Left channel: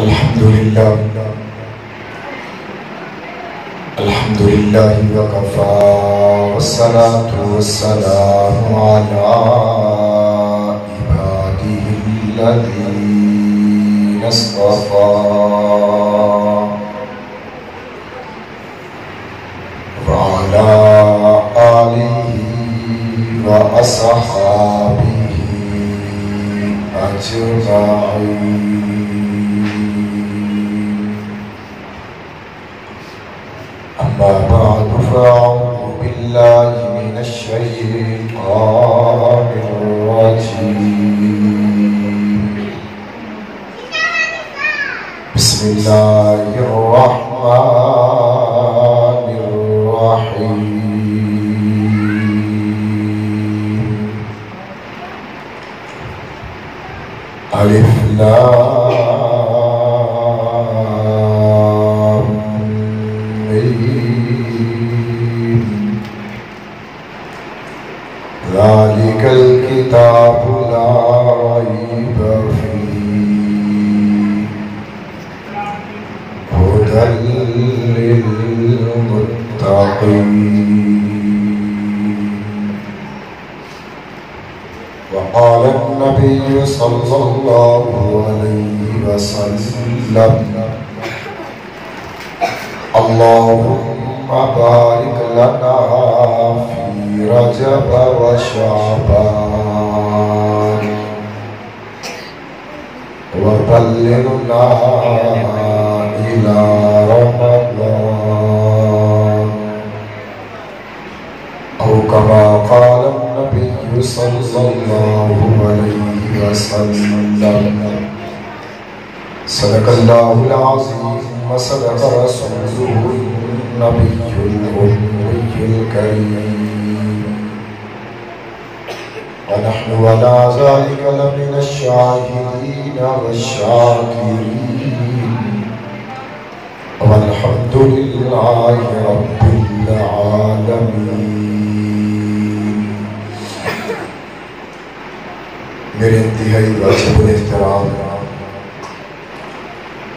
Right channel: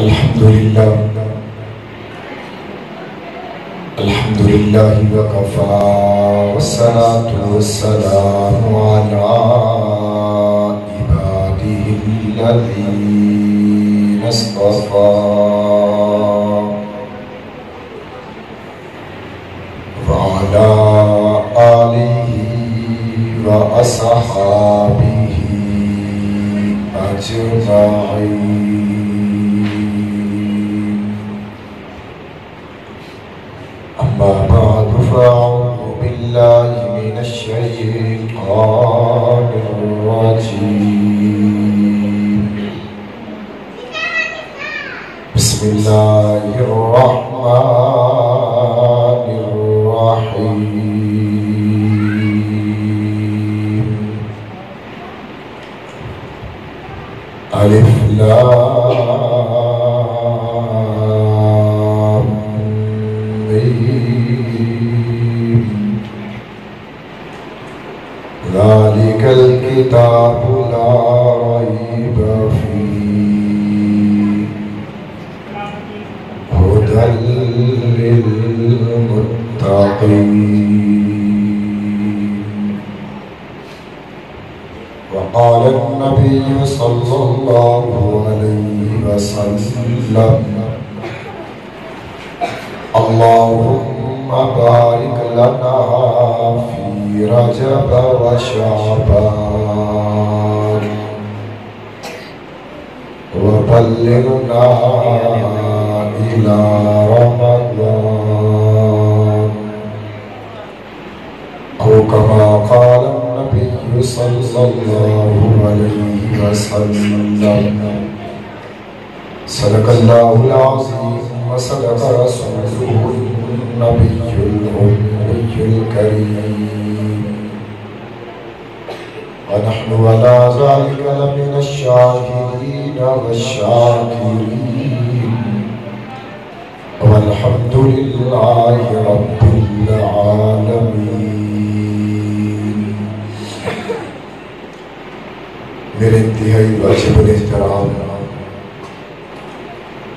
الحمد لله وكفى والصلاة والسلام على عباده الذين اصطفى وعلى آله وأصحابه أجمعين. أما بعد فأعوذ بالله من الشيطان الرجيم. بسم الله الرحمن الرحيم. ألف لام ميم. ذلك الكتاب لا ريب فيه هدى للمتقين. وقال النبي صلى الله عليه وسلم: اللهم بارك لنا في رجب وشعبان وبلغنا إلى رمضان، أو كما قال النبي صلى الله عليه وسلم. صدق الله العظيم وصدق رسوله النبي الأمي الكريم. ونحن على ذلك لمن الشاهدين والشاكرين، والحمد لله رب العالمين. میرے انتہائی واجب الاحترام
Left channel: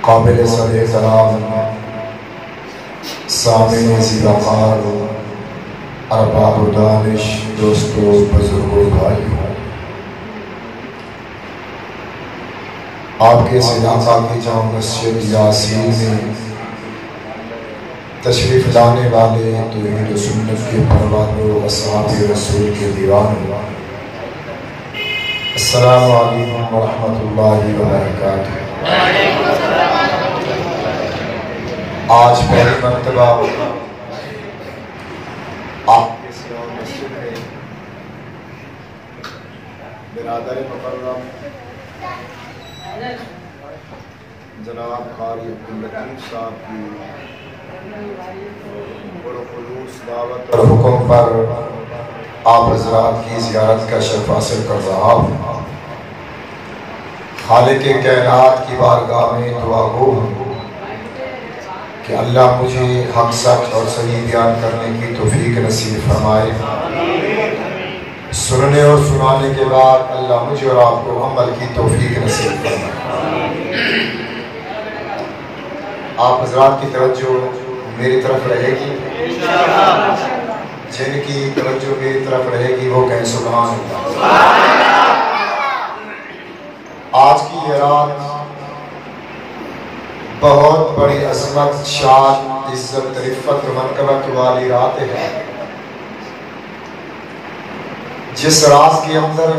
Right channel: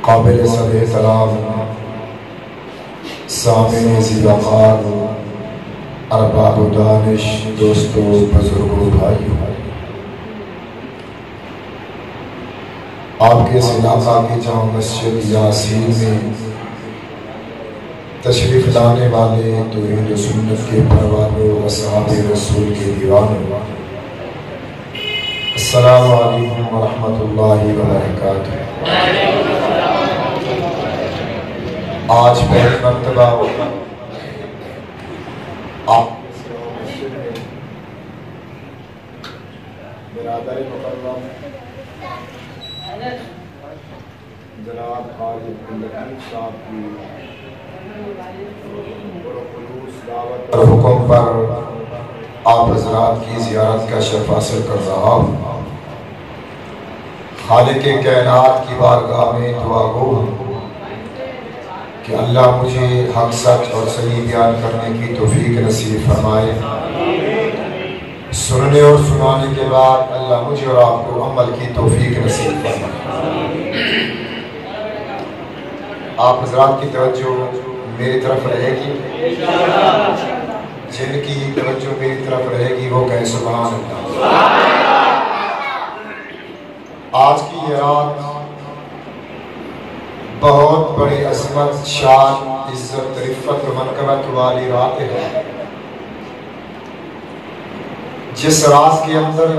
قابل صد احترام سامعین زیباوار ارباب و دانش دوستو بزرگوں بھائیوں، آپ کے اس علاقہ کی جامع مسجد یاسین میں تشریف لانے والے توحید و سنت کے پروانوں و اصحاب رسول کے دیوانوں، السلام علیکم ورحمۃ اللہ وبرکاتہ۔ آج پہلی مرتبہ آپ کے سیاہ مسجد میں برادر مکرم جناب قاری عبداللطیف صاحب کی پرخلوص دعوت اور حکم پر آپ حضرات کی زیارت کا شرف حاصل کر رہا ہوں۔ خالق کائنات کی بارگاہ میں دعا گو ہوں کہ اللہ مجھے حق سچ اور صحیح بیان کرنے کی توفیق نصیب فرمائے، سننے اور سنانے کے بعد اللہ مجھے اور آپ کو عمل کی توفیق نصیب فرمائے۔ آپ حضرات کی توجہ میری طرف رہے گی، جن کی توجہ میری طرف رہے گی وہ کہیں سبحان اللہ۔ آج کی یہ رات بہت بڑی عظمت، شان، عزت، رفت و منقبت والی رات ہے، جس رات کے اندر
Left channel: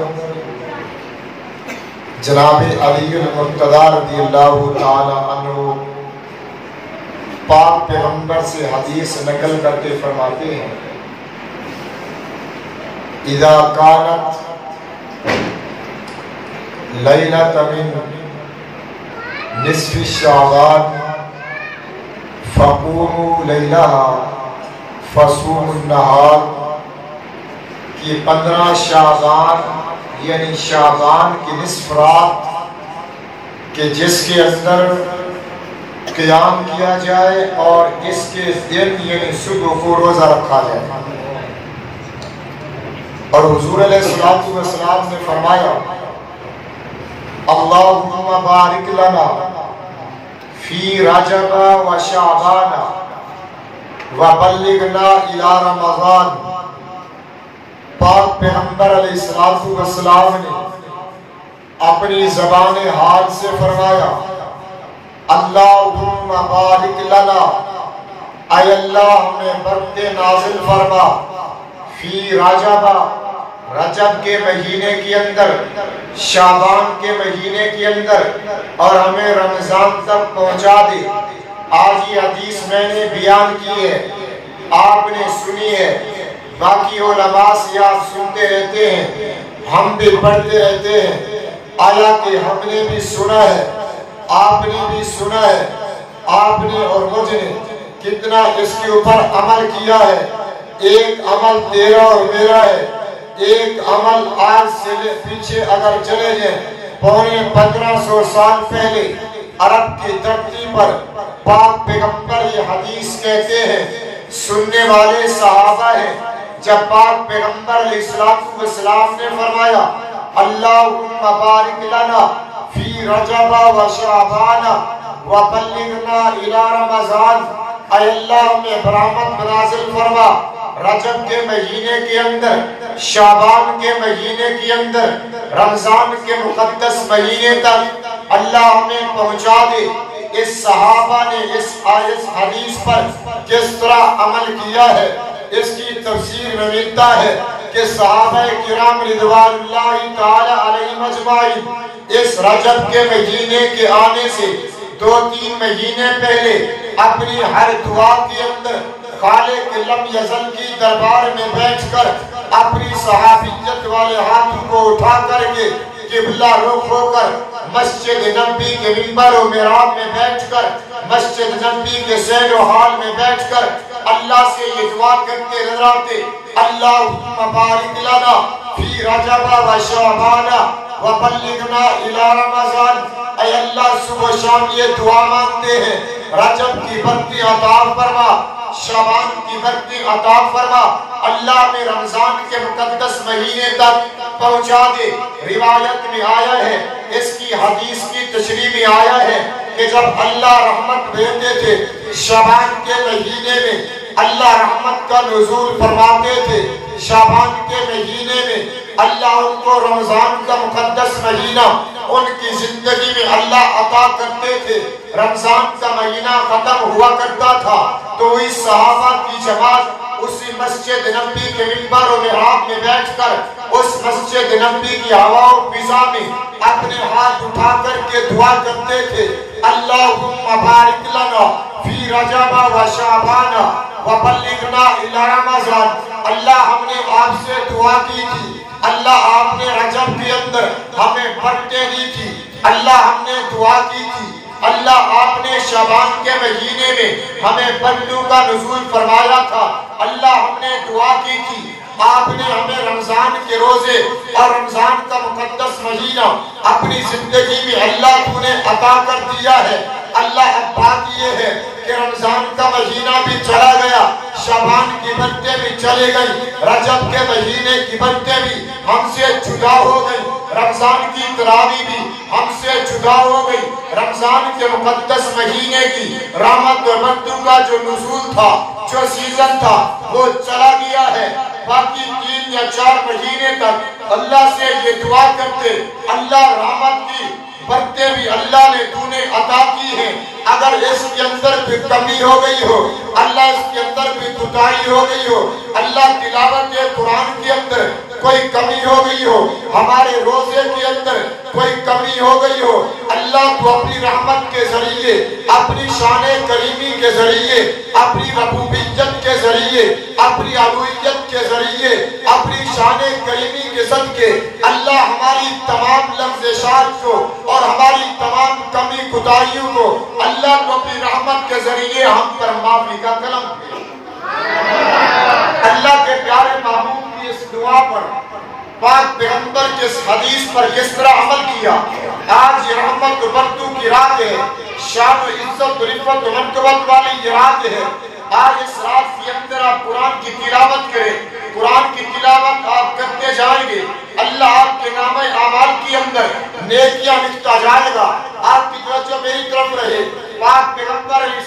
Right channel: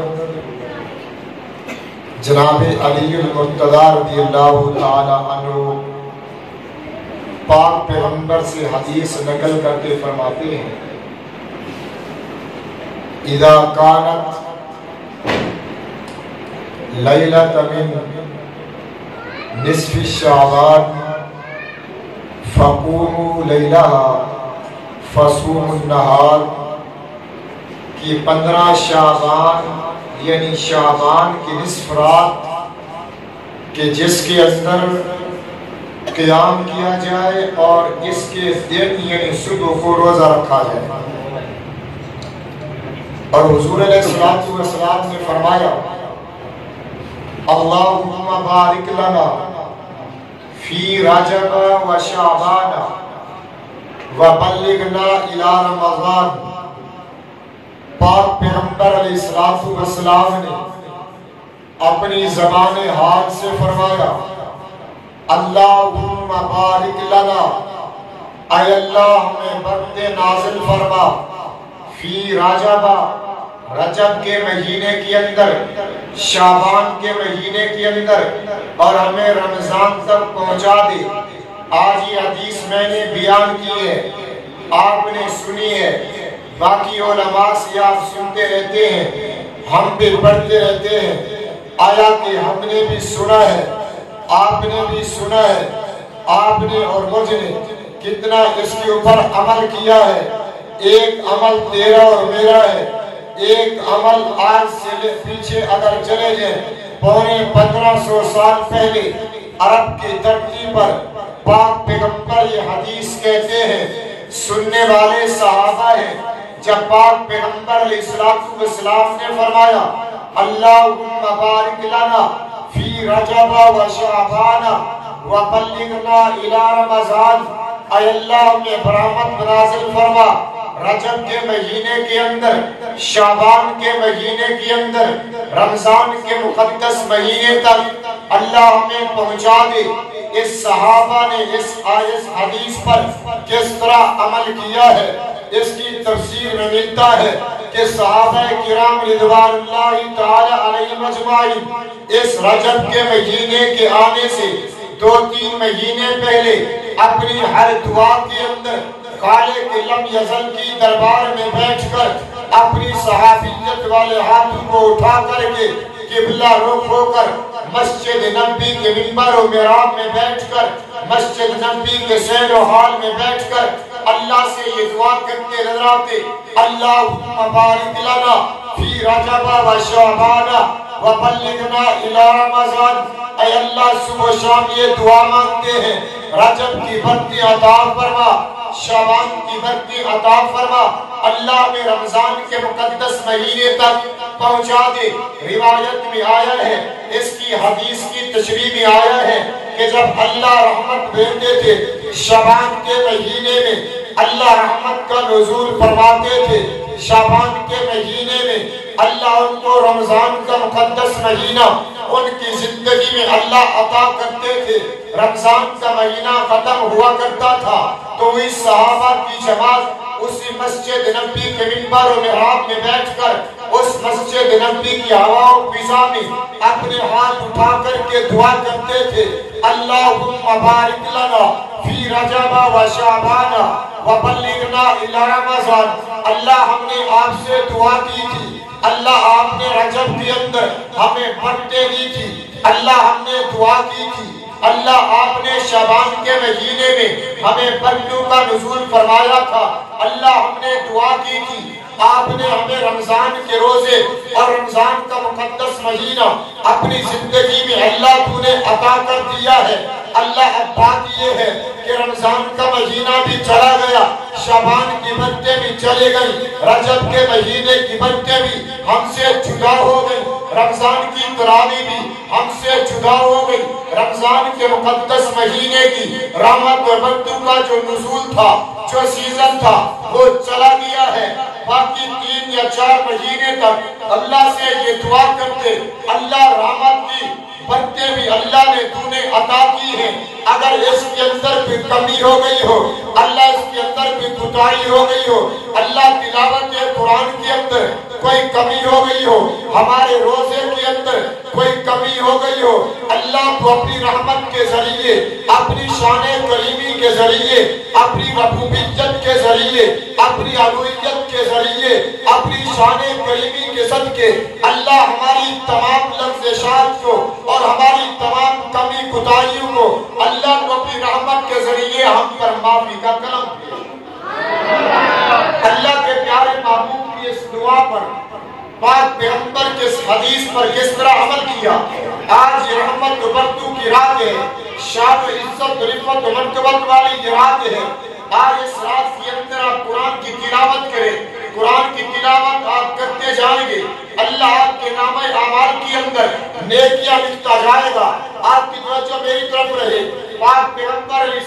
جناب علی المرتضی رضی اللہ تعالی عنہ پاک پیغمبر سے حدیث نقل کر کے فرماتے ہیں: اذا کانت لیلۃ من نصف شعبان فقوموا لیلہا فصوموا النہار، کہ 15 شعبان یعنی شعبان کی نصف رات کہ جس کے اندر قیام کیا جائے اور اس کے دن یعنی صبح کو روزہ رکھا جائے۔ اور حضور علیہ السلام نے فرمایا: اللہم بارک لنا فی رجب و شعبان وبلغنا الی رمضان. پاک پیغمبر علیہ السلام نے اپنی زبان حال سے فرمایا اللہم بارک لنا، اے اللہ ہمیں برکت نازل فرما، فی رجب، رجب کے مہینے کے اندر، شعبان کے مہینے کے اندر، اور ہمیں رمضان تک پہنچا دے. آج یہ حدیث میں نے بیان کی ہے، آپ نے سنی ہے، باقی علماء سے آپ سنتے رہتے ہیں، ہم بھی پڑھتے رہتے ہیں. آیا کہ ہم نے بھی سنا ہے، آپ نے بھی سنا ہے، آپ نے اور مجھ نے کتنا اس کے اوپر عمل کیا ہے. ایک عمل تیرا اور میرا ہے. ایک عمل آج سے پیچھے اگر چلے جائیں، 1500 سال پہلے عرب کی دھرتی پر پاک پیغمبر یہ حدیث کہتے ہیں، سننے والے صحابہ ہیں. جب پاک پیغمبر علیہ السلام نے فرمایا اللہم بارک لنا فی رجب و شعبان وبلغنا الی رمضان، اے اللہ میں برحمت نازل فرما رجب کے مہینے کے اندر، شعبان کے مہینے کے اندر، رمضان کے مقدس مہینے تک اللہ ہمیں پہنچا دے. اس صحابہ نے اس حدیث پر کس طرح عمل کیا ہے، اس کی تفسیر میں ملتا ہے کہ صحابہ کرام رضوان اللہ تعالی علیہم اجمعین اس رجب کے مہینے کے آنے سے 2-3 مہینے پہلے اپنی ہر دعا کے اندر خالق لم یزل کی دربار میں بیٹھ کر اپنی صحابیت والے ہاتھوں کو اٹھا کر کے قبلہ رخ ہو کر مسجد نبی کے منبر و محراب میں بیٹھ کر، مسجد نبی کے سیر و حال میں بیٹھ کر اللہ سے یہ دعا کرتے نظر آتے اللہم بارک لنا فی رجب و شعبان وبلغنا الی رمضان. اے اللہ صبح و شام یہ دعا مانگتے ہیں، رجب کی برکت عطا فرما، شعبان کی برکت عطا فرما، اللہ میں رمضان کے مقدس مہینے تک پہنچا دے. روایت میں آیا ہے، اس کی حدیث کی تشریح میں آیا ہے کہ جب اللہ رحمت بھیجتے تھے شعبان کے مہینے میں، اللہ رحمت کا نزول فرماتے تھے. شعبان کے مہینے میں اللہ ان کو رمضان کا مقدس مہینہ ان کی زندگی میں اللہ عطا کرتے تھے. رمضان کا مہینہ ختم ہوا کرتا تھا تو اس صحابہ کی جماعت اسی مسجد نبی کے منبر و محراب میں بیٹھ کر اس مسجد نبی کی ہوا و فضا میں اپنے ہاتھ اٹھا کر کے دعا کرتے تھے اللہم بارک لنا فی رجب و شعبان وبلغنا الی رمضان. اللہ ہم نے آپ سے دعا کی تھی، اللہ آپ نے رجب کے اندر ہمیں برکتیں دی تھی، اللہ ہم نے دعا کی تھی، اللہ آپ نے شعبان کے مہینے میں ہمیں برکتوں کا نزول فرمایا تھا، اللہ ہم نے دعا کی تھی، آپ نے ہمیں رمضان کے روزے اور رمضان کا مقدس مہینہ اپنی زندگی میں اللہ کو نے عطا کر دیا ہے. اللہ اب بات یہ ہے کہ رمضان کا مہینہ بھی چلا گیا، شعبان کی برکتیں بھی چلے گئی، رجب کے مہینے کی برکتیں بھی ہم سے جدا ہو گئی، رمضان کی تراویح بھی ہم سے جدا ہو گئی. رمضان کے مقدس مہینے کی رحمت و برکتوں کا جو نزول تھا، جو سیزن تھا، وہ چلا گیا ہے. باقی 3 یا 4 مہینے تک اللہ سے یہ دعا کرتے اللہ رحمت کی برکتیں بھی اللہ نے تو نے عطا کی ہیں، اگر اس کے اندر بھی کمی ہو گئی ہو، اللہ اس کے اندر بھی کوتاہی ہو گئی ہو، اللہ تلاوت قرآن کے اندر کوئی کمی ہو گئی ہو، ہمارے روزے کے اندر کوئی کمی ہو گئی ہو، اللہ تو اپنی رحمت کے ذریعے، اپنی شان کریمی کے ذریعے، اپنی ربوبیت کے ذریعے، اپنی الوہیت کے ذریعے، اپنی شان کریمی کے صدقے اللہ ہماری تمام لفظشات کو اور ہماری تمام کمی کوتاہیوں کو اللہ کو اپنی رحمت کے ذریعے ہم پر معافی کا کرم دے. اللہ کے پیارے محبوب کی اس دعا پر پاک پیغمبر کے اس حدیث پر کس طرح عمل کیا. آج رحمت و برکتوں کی رات ہے، شان و عزت و رفعت و منقبت والی یہ رات ہے. آج اس رات کے اندر آپ قرآن کی تلاوت کریں، قرآن کی تلاوت آپ کرتے جائیں گے، اللہ آپ کے نام اعمال کے اندر نیکیاں لکھتا جائے گا. آپ کی توجہ میری طرف رہے. پاک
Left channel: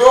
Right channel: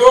2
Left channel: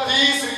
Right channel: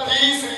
30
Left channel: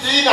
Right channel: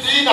3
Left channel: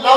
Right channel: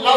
9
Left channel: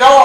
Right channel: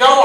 9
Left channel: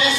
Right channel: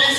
30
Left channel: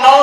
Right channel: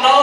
9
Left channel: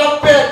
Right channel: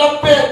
90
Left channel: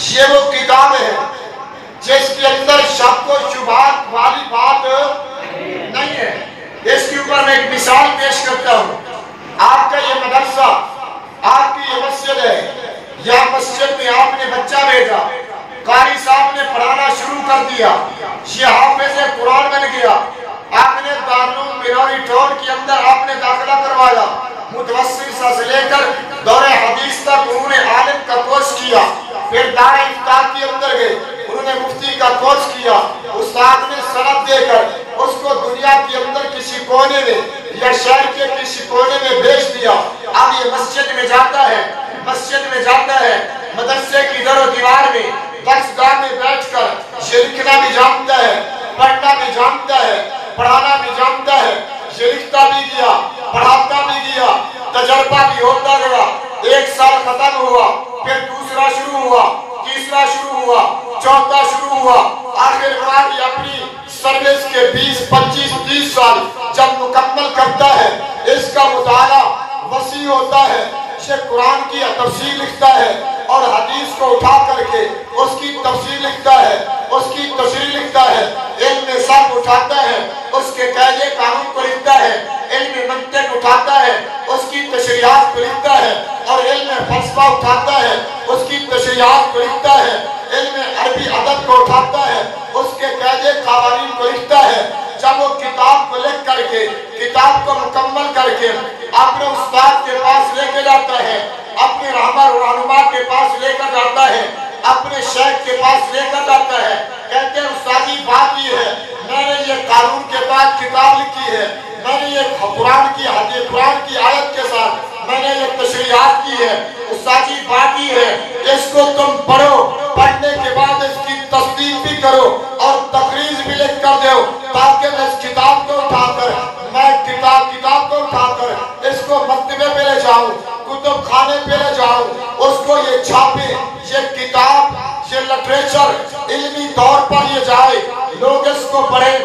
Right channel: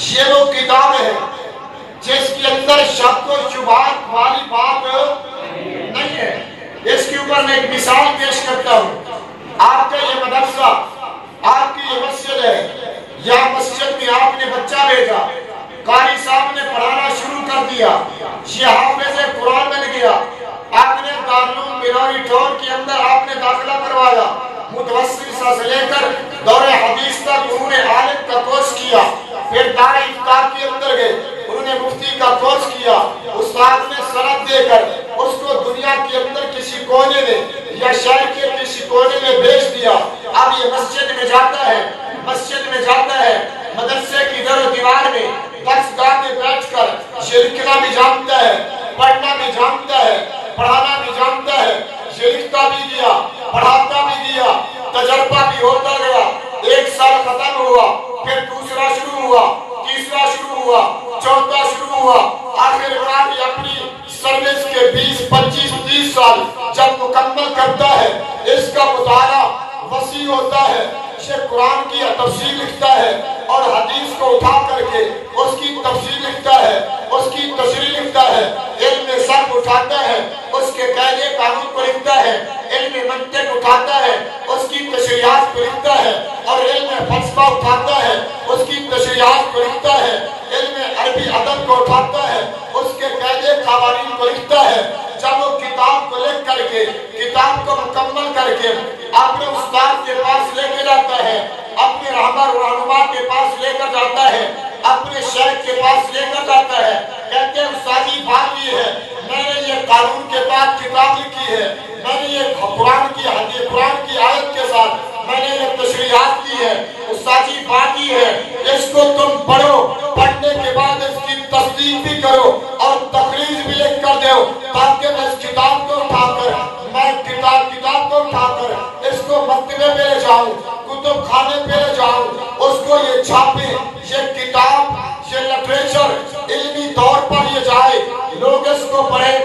یہ وہ کتاب ہے جس کے اندر شک و شبہات والی بات نہیں ہے۔ اس کے اوپر میں ایک مثال پیش کرتا ہوں۔ آپ کا یہ مدرسہ، آپ کی یہ مسجد ہے، یا مسجد میں آپ نے بچہ بھیجا، قاری صاحب نے پڑھانا شروع کر دیا، یہ حافظ قرآن بن گیا، آپ نے دارالعلوم بنوری ٹور کے اندر آپ نے داخلہ کروایا، متوسط سے لے کر دور حدیث تک انہوں نے عالم کا کورس کیا، پھر دار افتاء کے اندر گئے، انہوں نے مفتی کا کورس کیا، استاد نے سند دے کر اس کو دنیا کے اندر کسی کونے میں یا شہر کے کسی کونے میں بھیج دیا۔ اب یہ مسجد میں جاتا ہے، مدرسے کی در و دیوار میں درس گاہ میں بیٹھ کر یہ لکھنا بھی جانتا ہے، پڑھنا بھی جانتا ہے، پڑھانا بھی جانتا ہے، یہ لکھتا بھی گیا، پڑھاتا بھی گیا، تجربہ بھی ہوتا گیا، 1 سال ختم ہوا، پھر دوسرا شروع ہوا، تیسرا شروع ہوا، چوتھا شروع ہوا، آخر کار یہ اپنی سروس کے 20 25 30 سال جب مکمل کرتا ہے، اس کا مطالعہ وسیع ہوتا ہے، یہ قرآن کی تفسیر لکھتا ہے اور حدیث کو اٹھا کر کے اس کی تفسیر لکھتا ہے، اس کی تشریح لکھتا ہے، علم صرف اٹھاتا ہے، اس کے قاعدے قانون کو لکھتا ہے، علم منطق اٹھاتا ہے، اس کی تشریحات کو لکھتا ہے، اور علم فلسفہ اٹھاتا ہے، اس کی تشریحات کو لکھتا ہے، علم عربی ادب کو اٹھاتا ہے، اس کے قاعدے قوانین کو لکھتا ہے۔ جب وہ کتاب کو لکھ کر کے، کتاب کو مکمل کر کے اپنے استاد کے پاس لے کے جاتا ہے، اپنے رہبر و رہنما کے پاس لے کر جاتا ہے، اپنے شیخ کے پاس لے کر جاتا ہے، کہتے ہیں استادی بات یہ ہے، میں نے یہ قانون کے بعد کتاب لکھی ہے، میں نے یہ قرآن کی آیت کے ساتھ میں نے یہ تشریحات کی ہے، استادی بات یہ ہے، اس کو تم پڑھو، پڑھنے کے بعد اس کی تصدیق بھی کرو اور تقریر بھی لکھ کر دو، تاکہ میں اس کتاب کو اٹھا کر اس کو مکتبے پہ لے جاؤں، کتب خانے پہ لے جاؤں، اس کو یہ چھاپے، یہ کتاب، یہ لٹریچر علمی طور پر یہ جائے، لوگ اس کو پڑھیں،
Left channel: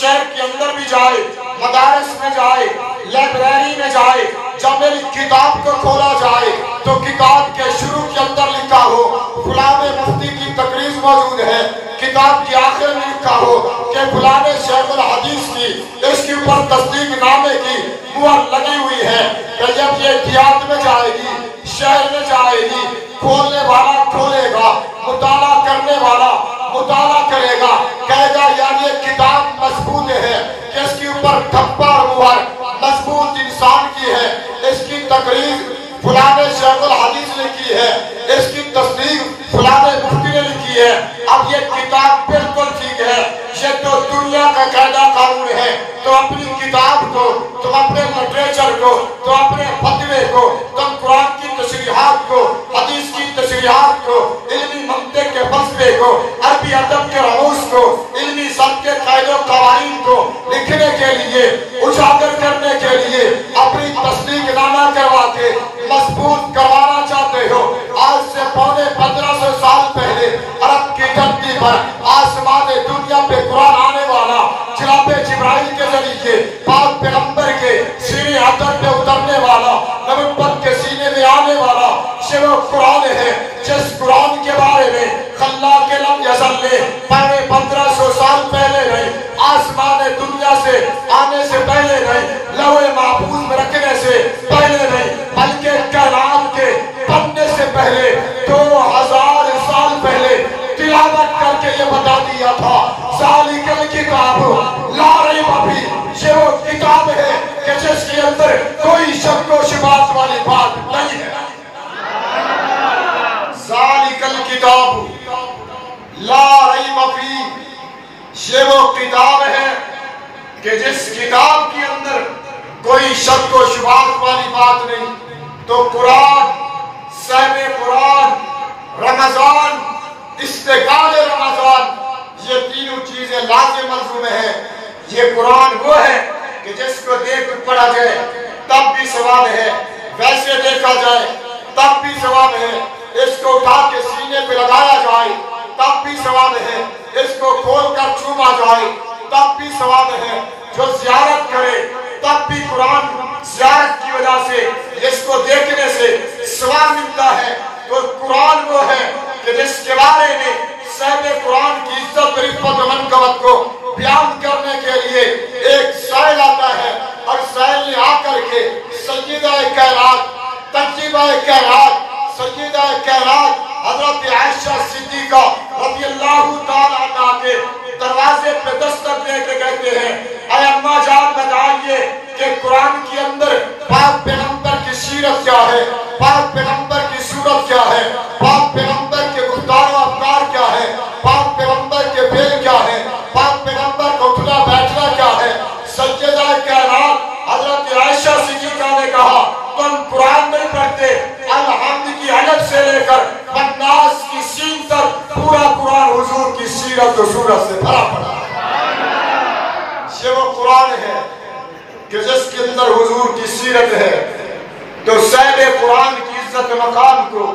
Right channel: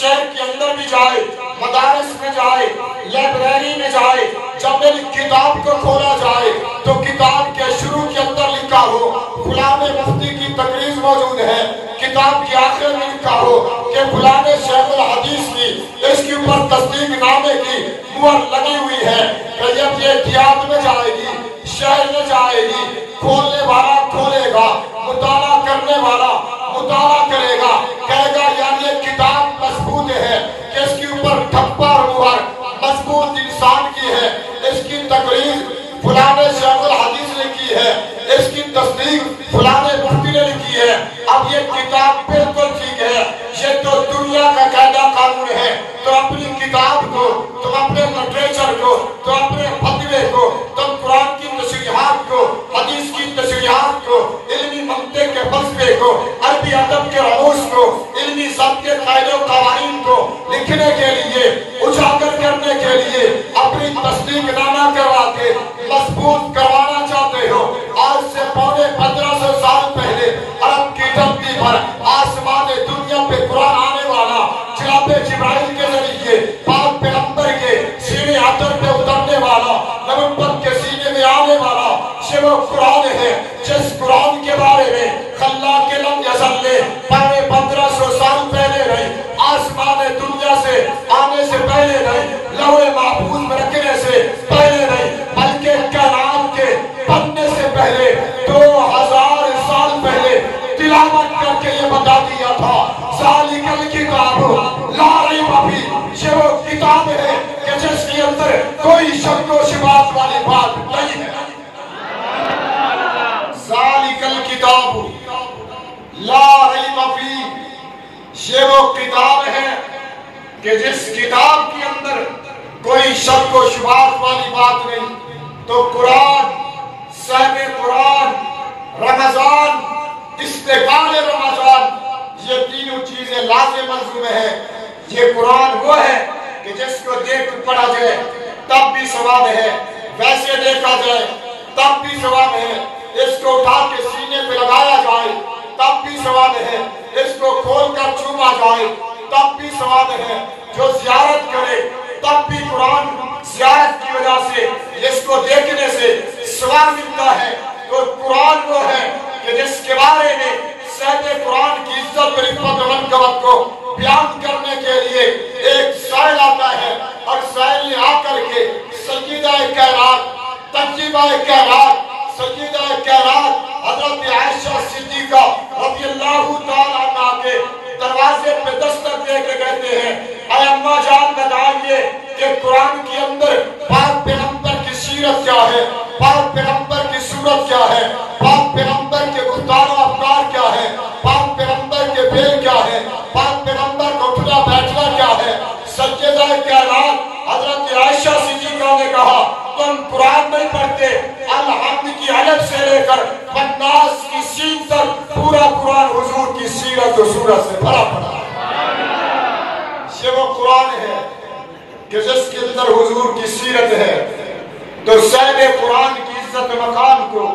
شہر کے اندر بھی جائے، مدارس میں جائے، لائبریری میں جائے، جب میری کتاب کو کھولا جائے تو کتاب کے شروع کے اندر لکھا ہو فلاں مفتی کی تقریر موجود ہے، کتاب کی آخر میں لکھا ہو کہ فلاں شیخ الحدیث کی اس کے اوپر تصدیق نامے کی مہر لگی ہوئی ہے، کہ جب یہ دیہات میں جائے گی، شہر میں جائے گی، کھولنے والا کھولے گا، مطالعہ کرنے والا مطالعہ کرے گا، کہے گا یار یہ کتاب مضبوط ہے، کہ اس کے اوپر تھپا اور مہر مضبوط انسان کی ہے، اس کی تقریر فلاں شیخ الحدیث نے کی ہے، اس کی تصدیق فلاں مفتی نے لکھی ہے۔ اب یہ کتاب بالکل ٹھیک ہے، یہ تو دنیا کا قاعدہ قانون ہے، تو اپنی کتاب کو، تو اپنے لٹریچر کو، تو اپنے فتوے کو، تم قرآن کی تشریحات کو، حدیث کی تشریحات کو، علمی منطق کے فلسفے کو، عربی ادب کے رموز کو، علمی ضبط کے قاعدے و قوانین کو لکھنے کے لیے، اجاگر کرنے کے لیے اپنی تصدیق نامہ کروا کے مضبوط کروانا چاہتے ہو۔ آج سے پونے 1500 سال پہلے عرب کی دھرتی پر آسمان دنیا پہ قرآن آنے والا، جناب جبرائیل کے ذریعے پاک پیغمبر کے سینے عطر پہ اترنے والا، نبوت کے سینے میں آنے والا یہ وہ قرآن ہے، جس قرآن کے بارے میں خلاق لم یزل نے پہلے 1500 سال پہلے رہے، آسمان دنیا سے آنے سے پہلے رہے، لوح محفوظ میں رکھنے سے پہلے رہے، بلکہ کائنات کے بننے سے پہلے 2000 سال پہلے تلاوت کر کے یہ بتا دیا تھا، ذالک الکتاب لا ریب فیہ، یہ وہ کتاب ہے کہ جس کے اندر کوئی شک و شبہات والی بات نہیں ہے۔ ذالک الکتاب لا ریب فیہ، یہ وہ کتاب ہے کہ جس کتاب کے اندر کوئی شک و شبہات والی بات نہیں۔ تو قرآن، صحب قرآن، رمضان، استقبال رمضان، یہ تینوں چیزیں لازم مضمون ہیں۔ یہ قرآن وہ ہے کہ جس کو دیکھ کر پڑھا جائے تب بھی ثواب ہے، ویسے دیکھا جائے تب بھی ثواب ہے، اس کو اٹھا کے سینے پہ لگایا جائے تب بھی ثواب ہے، اس کو کھول کر چوما جائے تب بھی ثواب ہے، جو زیارت کرے تب بھی قرآن زیارت کی وجہ سے اس کو دیکھنے سے ثواب ملتا ہے۔ تو قرآن وہ ہے کہ جس کے بعد سیدہ کائنات حضرت عائشہ صدیقہ رضی اللہ تعالیٰ عنہ کے دروازے پہ دستک دے کے کہتے ہیں اے اماں جان بتائیے کہ قرآن کے اندر پاک پیغمبر کی سیرت کیا ہے، پاک پیغمبر کی صورت کیا ہے، پاک پیغمبر کے گفتار و افکار کیا ہے، پاک پیغمبر کے فعل کیا ہے، پاک پیغمبر کا اٹھنا بیٹھنا کیا ہے۔ سیدہ کائنات حضرت عائشہ صدیقہ نے کہا تم قرآن نہیں پڑھتے، الحمد کی علم سے لے کر بناس کی سین تک پورا قرآن حضور کی سیرت و صورت سے بھرا پڑا ہے۔ یہ وہ قرآن ہے کہ جس کے اندر حضور کی سیرت ہے۔ تو صاحب قرآن کی عزت مقام کو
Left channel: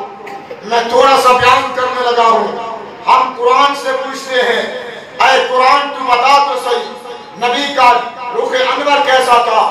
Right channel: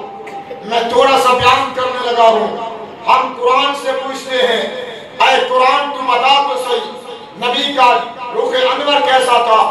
میں تھوڑا سا بیان کرنے لگا ہوں۔ ہم قرآن سے پوچھتے ہیں اے قرآن تو بتا تو صحیح نبی کا رخ انور کیسا تھا؟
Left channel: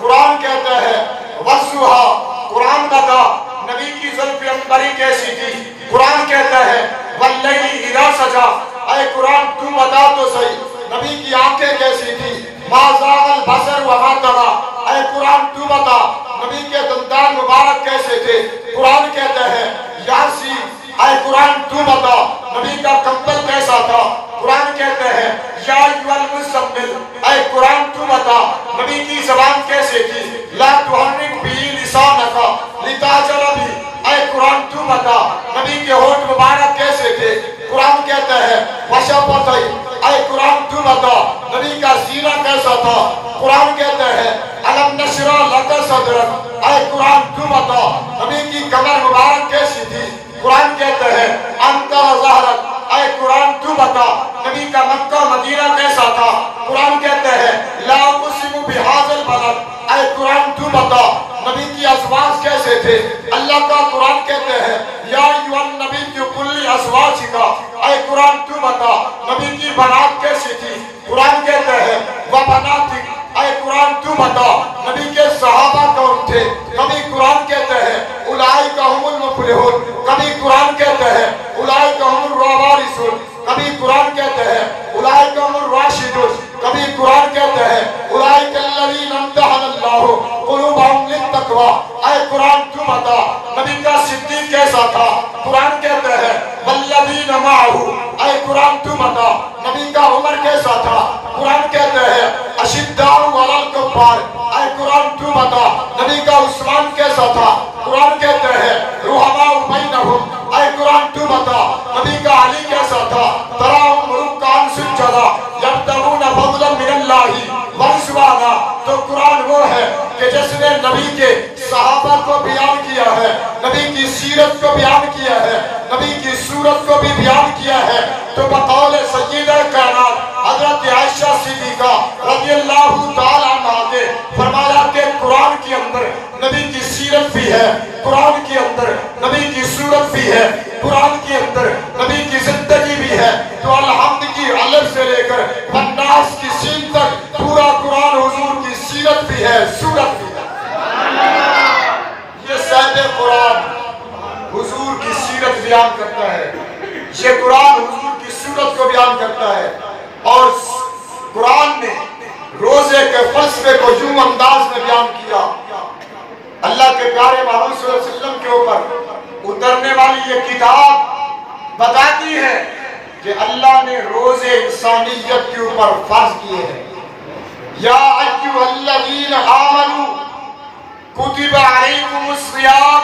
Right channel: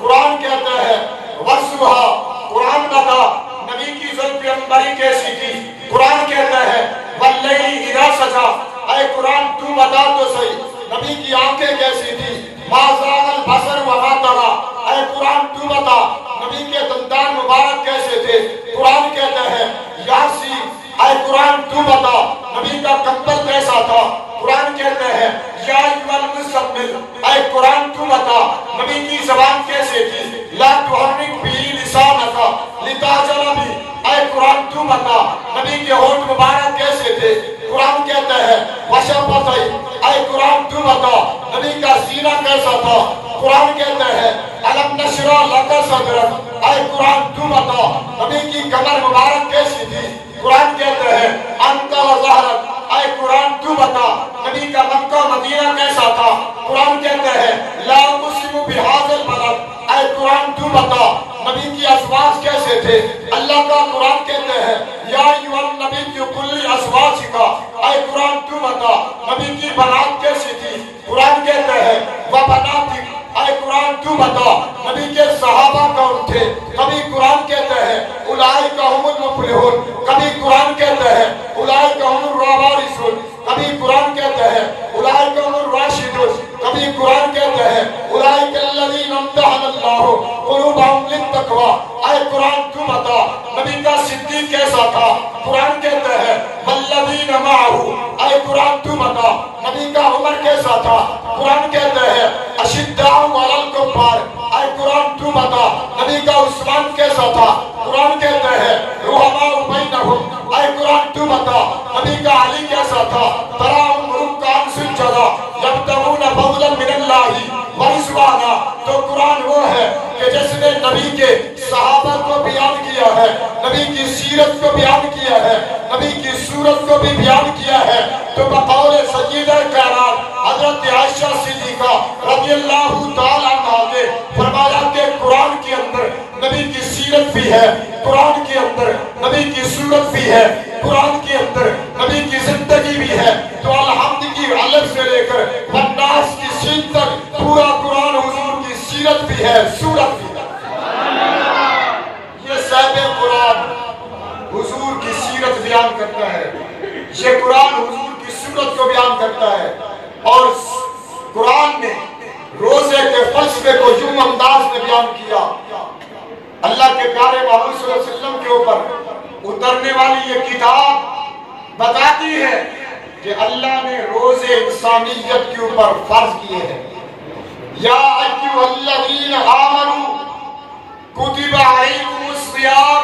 قرآن کہتا ہے وَسُوحَا، قرآن بتا نبی کی زلف انبری کیسی تھی؟ قرآن کہتا ہے وَاللَّيْلِ إِذَا سَجَا، اے قرآن تو بتا تو صحیح نبی کی آنکھیں کیسی تھی؟ مَا زَاغَ الْبَصَرُ وَمَا طَغَىٰ، اے قرآن تو بتا نبی کے دندان مبارک کیسے تھے؟ قرآن کہتا ہے یاسین، اے قرآن تو بتا نبی کا کمبل کیسا تھا؟ قرآن کہتا ہے یا ایھا المزمل، اے قرآن تو بتا نبی کی زبان کیسے تھی؟ لا تحرک بہ لسانک لتعجل بہ، اے قرآن تو بتا نبی کے ہونٹ مبارک کیسے تھے؟ قرآن کہتا ہے وشفتیہ، اے قرآن تو بتا نبی کا سینہ کیسا تھا؟ قرآن کہتا ہے الم نشرح لک صدرک، اے قرآن تو بتا نبی کی کمر مبارک کیسی تھی؟ قرآن کہتا ہے انت ظہرک، اے قرآن تو بتا نبی کا مکہ مدینہ کیسا تھا؟ قرآن کہتا ہے لا اقسم بہذا البلد، اے قرآن تو بتا نبی کی ازواج کیسے تھے؟ اللہ کا قرآن کہتے ہیں یا ایھا النبی قل لازواجک، اے قرآن تو بتا نبی کی بنات کیسی تھی؟ قرآن کہتے ہیں وبناتک، اے قرآن تو بتا نبی کے صحابہ کون تھے؟ کبھی قرآن کہتے ہیں اولئک ھم المفلحون، کبھی قرآن کہتے ہیں اولئک ھم الوارثون، کبھی قرآن کہتے ہیں اولئک ھم الراشدون، کبھی قرآن کہتے ہیں اولئک الذین امتحن اللہ قلوبہم للتقوی، اے قرآن تو بتا نبی کا صدیق کیسا تھا؟ قرآن کہتے ہیں والذین معہ، اے قرآن تو بتا نبی کا عمر کیسا تھا؟ قرآن کہتے ہیں اشداء علی الکفار، اے قرآن تو بتا نبی کا عثمان کیسا تھا؟ قرآن کہتے ہیں رحماء بینہم، اے قرآن تو بتا نبی کا علی کیسا تھا؟ تراہم رکعا سجدا یبتغون فضلا من اللہ ورضوانا۔ تو قرآن وہ ہے کہ جس نے نبی کے صحابہ کو بیان کیا ہے، نبی کی سیرت کو بیان کیا ہے، نبی کی صورت کو بھی بیان کیا ہے۔ تو بقول سیدہ کائنات حضرت عائشہ صدیقہ رضی اللہ تعالیٰ عنہ نے فرمایا کہ قرآن کے اندر نبی کی سیرت بھی ہے، قرآن کے اندر نبی کی صورت بھی ہے، قرآن کے اندر نبی کی زندگی بھی ہے۔ تو الحمد کی علم سے لے کر بناس کی سین تک پورا قرآن حضور کی سیرت بھی ہے، صورت بھی ہے۔ یہ صاحب قرآن حضور کی سیرت بیان کرتا ہے، یہ قرآن حضور کی صورت کو بیان کرتا ہے۔ اور قرآن نے روزے کے فلسفے کو یوں انداز میں بیان کیا۔ اللہ کے پیارے محمد صلی اللہ علیہ وسلم کے اوپر اترنے والی یہ کتاب بتاتی ہے کہ اللہ نے روزے انسانیت کے اوپر فرض کیے ہیں۔ یا ایھا الذین آمنوا کتب علیکم الصیام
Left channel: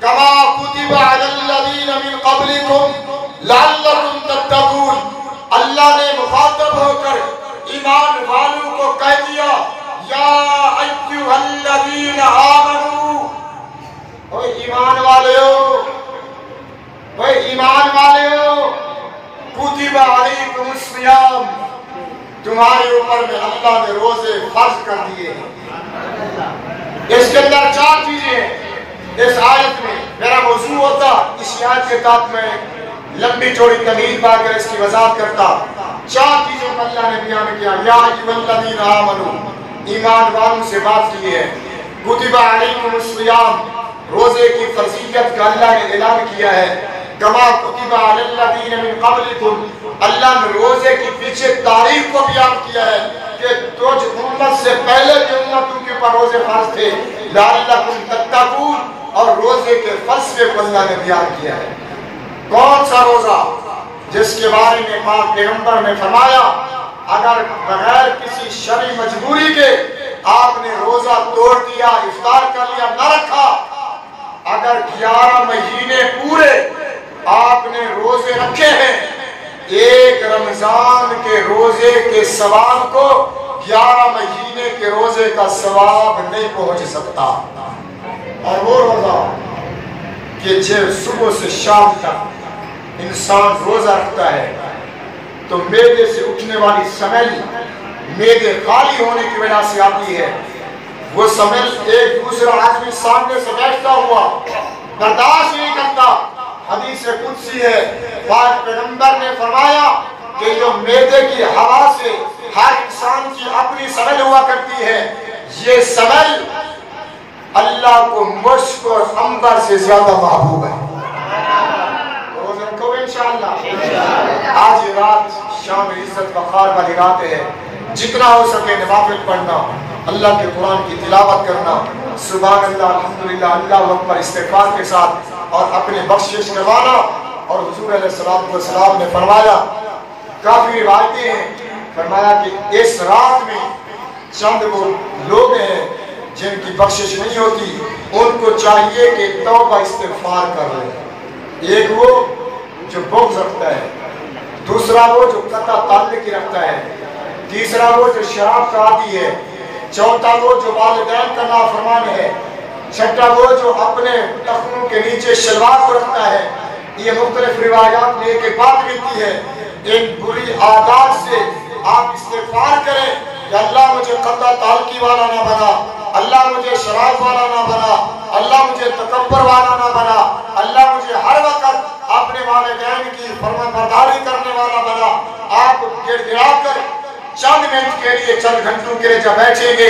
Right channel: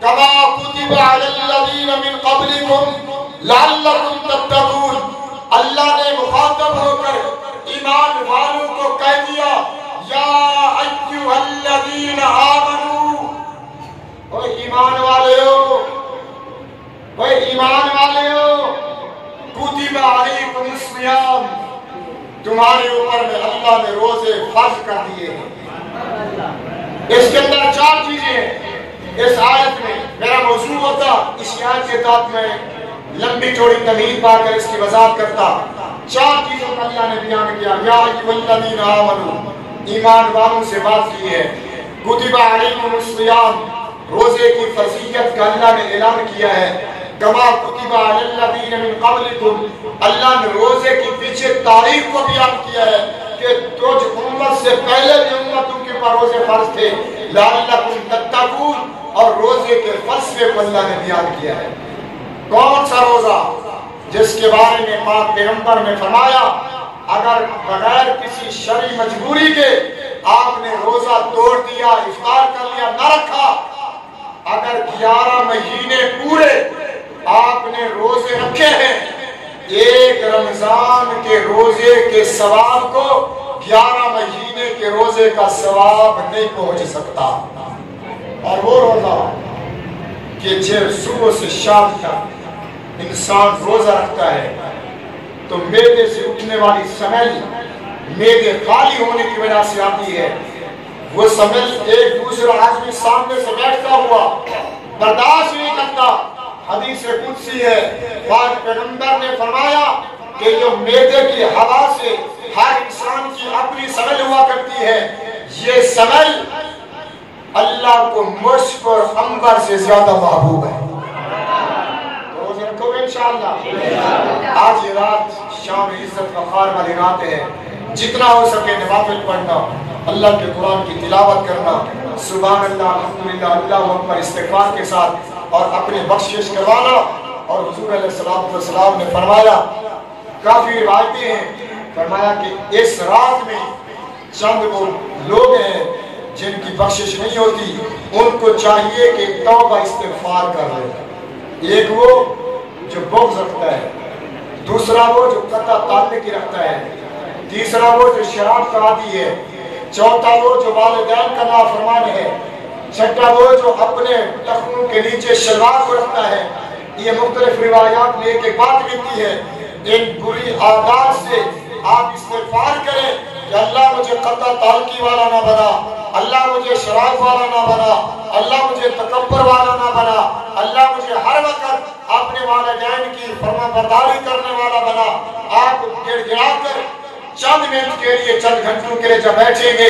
کما کتب علی الذین من قبلکم لعلکم تتقون۔ اللہ نے مخاطب ہو کر ایمان والوں کو کہہ دیا یا ایھا الذین آمنوا، اے ایمان والو، اے ایمان والو، کتب علیکم الصیام، تمہارے اوپر میں اللہ نے روزے فرض کر دیے ہیں۔ اس کے اندر چار چیزیں ہیں اس آیت میں۔ میرا موضوع ہوتا اس آیت کے تحت میں لمبی چوڑی تمہید پا کر اس کی وضاحت کرتا۔ چار چیزوں پر اللہ نے بیان کیا یا ایھا الذین آمنوا، ایمان والوں سے بات کی ہے۔ کتب علیکم الصیام، روزے کی فضیلت کا اللہ نے اعلان کیا ہے۔ کما کتب علی الذین من قبلکم، اللہ نے روزے کی پیچھے تاریخ کو بیان کیا ہے کہ کچھ امت سے پہلے کی امتوں کے اوپر روزے فرض تھے۔ لعلکم تتقون، اور روزے کے فلسفے کو اللہ نے بیان کیا ہے۔ کون سا روزہ جس کے بارے میں پاک پیغمبر نے فرمایا اگر بغیر کسی شرعی مجبوری کے آپ نے روزہ توڑ دیا، افطار کر لیا، نہ رکھا، اگر 11 مہینے پورے آپ نے روزے رکھے ہیں، ایک رمضان کے روزے کے ثواب کو 11 مہینے کے روزے کا ثواب نہیں پہنچ سکتا۔ اور وہ روزہ کہ جب صبح سے شام تک انسان روزہ رکھتا ہے تو معدے سے اٹھنے والی سمیل معدے خالی ہونے کی وجہ سے آتی ہے، وہ سمیل ایک دوسرا آدمی سامنے سے بیٹھتا ہوا برداشت نہیں کرتا۔ حدیث قدسی ہے، پاک پیغمبر نے فرمایا کہ جو معدے کی ہوا سے ہر انسان کی اپنی سمیل ہوا کرتی ہے، یہ سمیل اللہ کو مشک اور عنبر سے زیادہ محبوب ہے۔ روزے رکھو گے انشاءاللہ؟ آج یہ رات شام عزت وقار والی رات ہے، جتنا ہو سکے نوافل پڑھنا، اللہ کے قرآن کی تلاوت کرنا، سبحان اللہ الحمدللہ اللہ اکبر استغفار کے ساتھ، اور اپنے بخشش کروانا۔ اور حضور علیہ السلام نے فرمایا، کافی روایتیں ہیں، فرمایا کہ اس رات میں چند وہ لوگ ہیں جن کی بخشش نہیں ہوتی، ان کو چاہیے کہ توبہ استغفار کر لے۔ ایک وہ جو بغض رکھتا ہے، دوسرا وہ جو قطع تعلق رکھتا ہے، تیسرا وہ جو شراب کا عادی ہے، چوتھا وہ جو والدین کا نافرمان ہے، چھٹا وہ جو اپنے ٹخنوں کے نیچے شلوار رکھتا ہے۔ یہ مختلف روایات میں ایک بات لکھی ہے، ان بری عادات سے آپ استغفار کریں کہ اللہ مجھے قطع تعلقی والا نہ بنا، اللہ مجھے شراب والا نہ بنا، اللہ مجھے تکبر والا نہ بنا، اللہ مجھے ہر وقت اپنے والدین کی فرما برداری کرنے والا بنا۔ آپ گڑ گڑا کر چند منٹ کے لیے، چند گھنٹوں کے لیے جب بیٹھیں گے،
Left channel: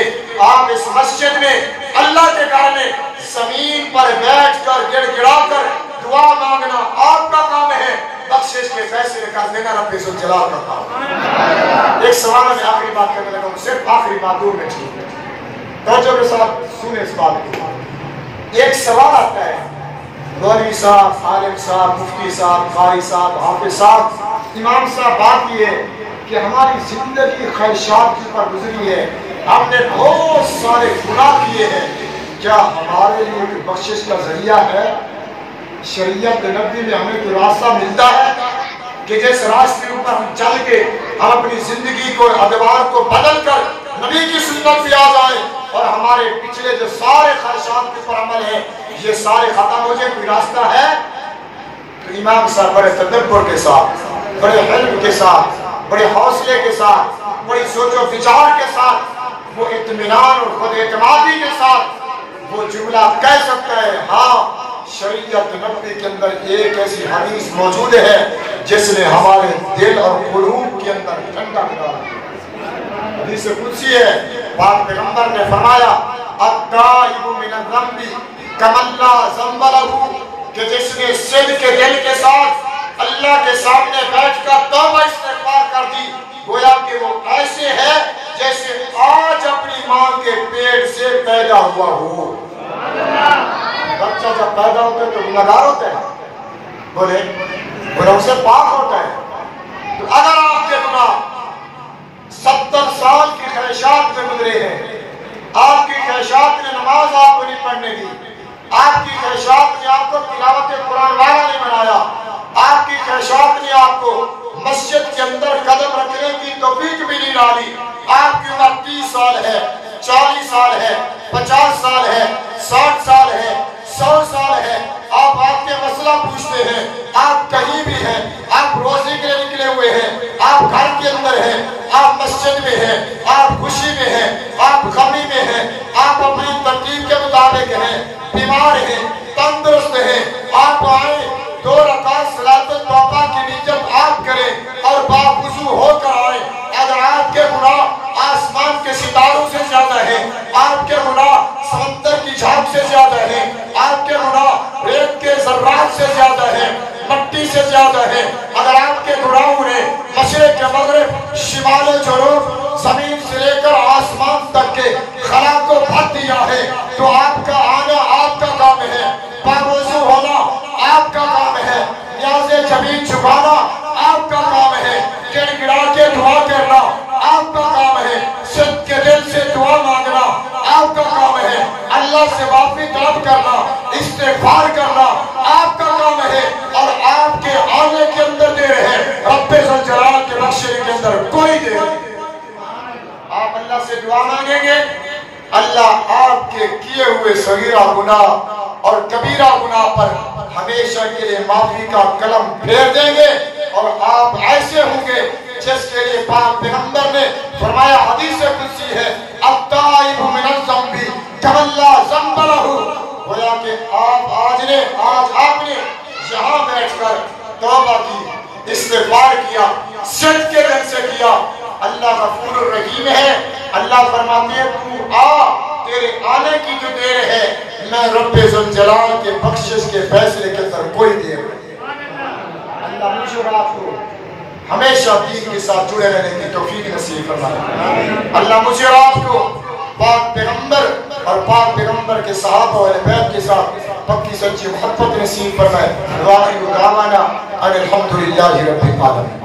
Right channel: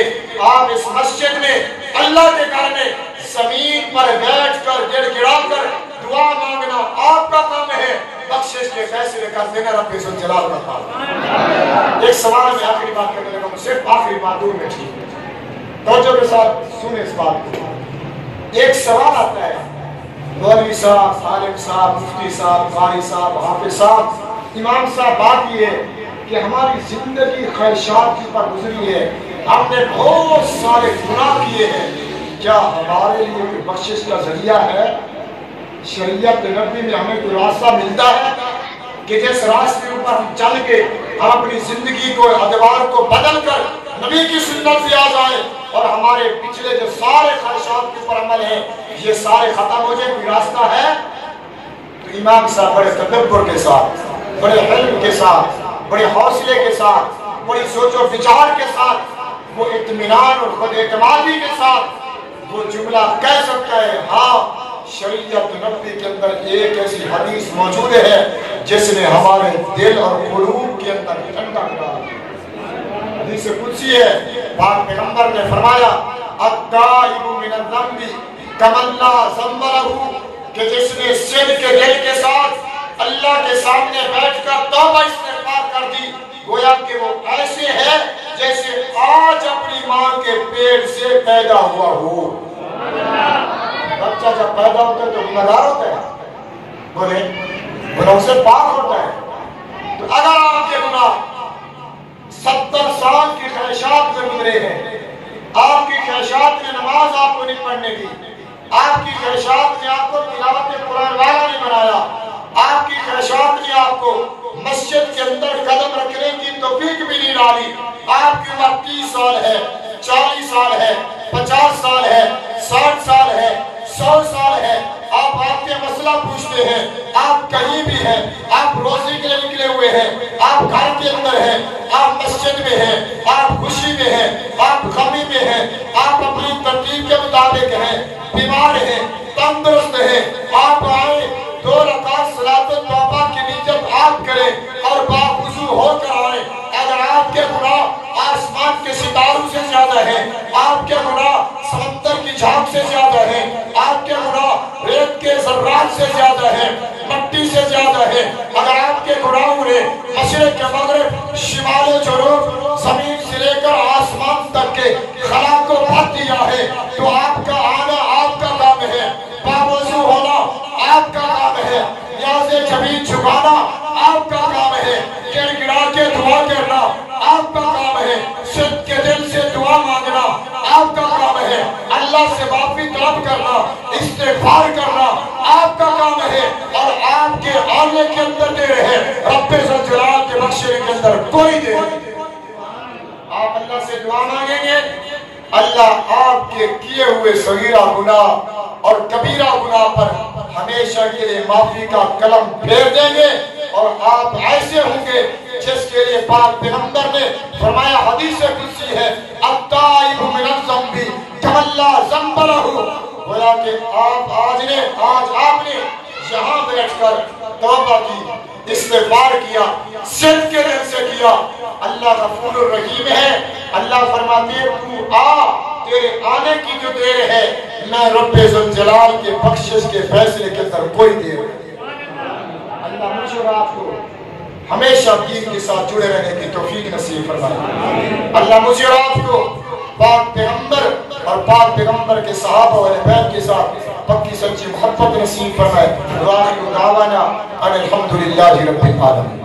آپ اس مسجد میں اللہ کے گھر میں زمین پر بیٹھ کر گڑ گڑا کر دعا مانگنا آپ کا کام ہے، بخشش کے فیصلے کر دینا رب ذوالجلال کا کام۔ ایک سوال میں آخری بات کرنے لگا ہوں، صرف آخری بات دور میں ٹھیک ہے، توجہ کے ساتھ سنیں اس بات کو۔ ایک سوال آتا ہے، مولوی صاحب، عالم صاحب، مفتی صاحب، قاری صاحب، حافظ صاحب، امام صاحب، بات یہ ہے کہ ہماری زندگی خواہشات کی پر گزری ہے، ہم نے بہت سارے گناہ کیے ہیں، کیا ہمارے لیے کوئی بخشش کا ذریعہ ہے؟ شریعت نبی میں ہمیں کوئی راستہ ملتا ہے کہ جس راستے پر ہم چل کے ہم اپنی زندگی کو، ادوار کو بدل کر نبی کی سنت پہ آ جائیں اور ہمارے پچھلے جو سارے خواہشات کے پر عمل ہیں یہ سارے ختم ہو جائے؟ کوئی راستہ ہے؟ تو امام صاحب بڑے تدبر کے ساتھ، بڑے علم کے ساتھ، بڑے حوصلے کے ساتھ، بڑی سوچ و بچار کے ساتھ، وہ اطمینان اور خود اعتمادی کے ساتھ وہ جملہ کہہ سکتا ہے، ہاں شریعت نبوی کے اندر ایک ایسی حدیث موجود ہے جس نے ہمارے دل اور قلوب کے اندر ٹھنڈا کرا دیا۔ حدیث قدسی ہے، پاک پیغمبر نے فرمایا التائب من الذنب کمن لا ذنب لہ، کہ جس نے صدق کے دل کے ساتھ اللہ کے سامنے بیٹھ کر توبہ استغفار کر دی، گویا کہ وہ ایسے ہے جیسے آج اپنی ماں کے پیٹ سے پیدا ہوا ہو۔ بچہ جب پیدا ہوتا ہے تو گناہگار ہوتا ہے، بولے گناہوں سے پاک ہوتا ہے۔ تو اگر آپ کے گناہ 70 سال کی خواہشات میں گزرے ہیں، آپ کی خواہشات نے نماز آپ کو نہیں پڑھنے دی، آپ کی خواہشات نے آپ کو تلاوت قرآن والا نہیں بنایا، آپ کی خواہشات نے آپ کو مسجد کے اندر قدم رکھنے کی توفیق بھی نہیں ڈالی، آپ کی عمر 30 سال ہے، 40 سال ہے، 50 سال ہے، 60 سال ہے، 100 سال ہے، آپ کے مسئلہ پوچھتے ہیں، آپ کہیں بھی ہیں، آپ روزی کے لیے نکلے ہوئے ہیں، آپ گھر کے اندر ہیں، آپ مسجد میں ہیں، آپ خوشی میں ہیں، آپ غمی میں ہیں، آپ اپنی ترتیب کے مطابق ہیں، بیمار ہیں، تندرست ہیں، آپ آئیں 2 رکعت صلاۃ التوبہ کی نیت آپ کریں اور باوضو ہو کر آئیں۔ اگر آپ کے گناہ آسمان کے ستاروں سے زیادہ ہیں، آپ کے گناہ سمندر کی جھاگ سے زیادہ ہیں، آپ کے گناہ ریت کے ذرات سے زیادہ ہیں، مٹی سے زیادہ ہیں، اگر آپ کے گناہوں نے مشرق کے مغرب، شمال و جنوب، زمین سے لے کر آسمان تک کے خلا کو بھر دیا ہے، تو آپ کا آنا آپ کا کام ہے۔ معافی طلب کرنا، استغفار کرنا آپ کا کام ہے، اور آپ کے آنے کے اندر دیر ہے، رب ذوالجلال کے بخشے کے اندر کوئی دیر نہیں۔ آپ اللہ سے دعا مانگیں گے، اللہ آپ کے کیے ہوئے صغیرہ گناہ اور کبیرہ گناہ پر ہمیشہ کے لیے معافی کا قلم پھیر دیں گے، اور آپ ایسے ہوں گے جس کے لیے پاک پیغمبر نے فرمایا، حدیث قدسی ہے، التائب من الذنب کمن لا ذنب لہ، گویا کہ آج آپ نے یہاں بیٹھ کر توبہ کی، استغفار کیا، صدق کے دل سے کیا، اللہ غفور الرحیم ہے، اللہ فرماتے ہیں تو آ، تیرے آنے کی جو دیر ہے میں رب ذوالجلال کے بخشش کے فیصلے کے اندر کوئی دیر نہیں۔ اللہ مجھے اور آپ کو ہمیشہ دین کے ساتھ جڑے رہنے کی توفیق نصیب فرمائے۔ اللہ مجھے اور آپ کو پاک پیغمبر اور پاک پیغمبر کے صحابہ و اہل بیت کے ساتھ پکی سچی محبت نصیب فرمائے۔ وآخر دعوانا ان الحمدللہ رب العالمین۔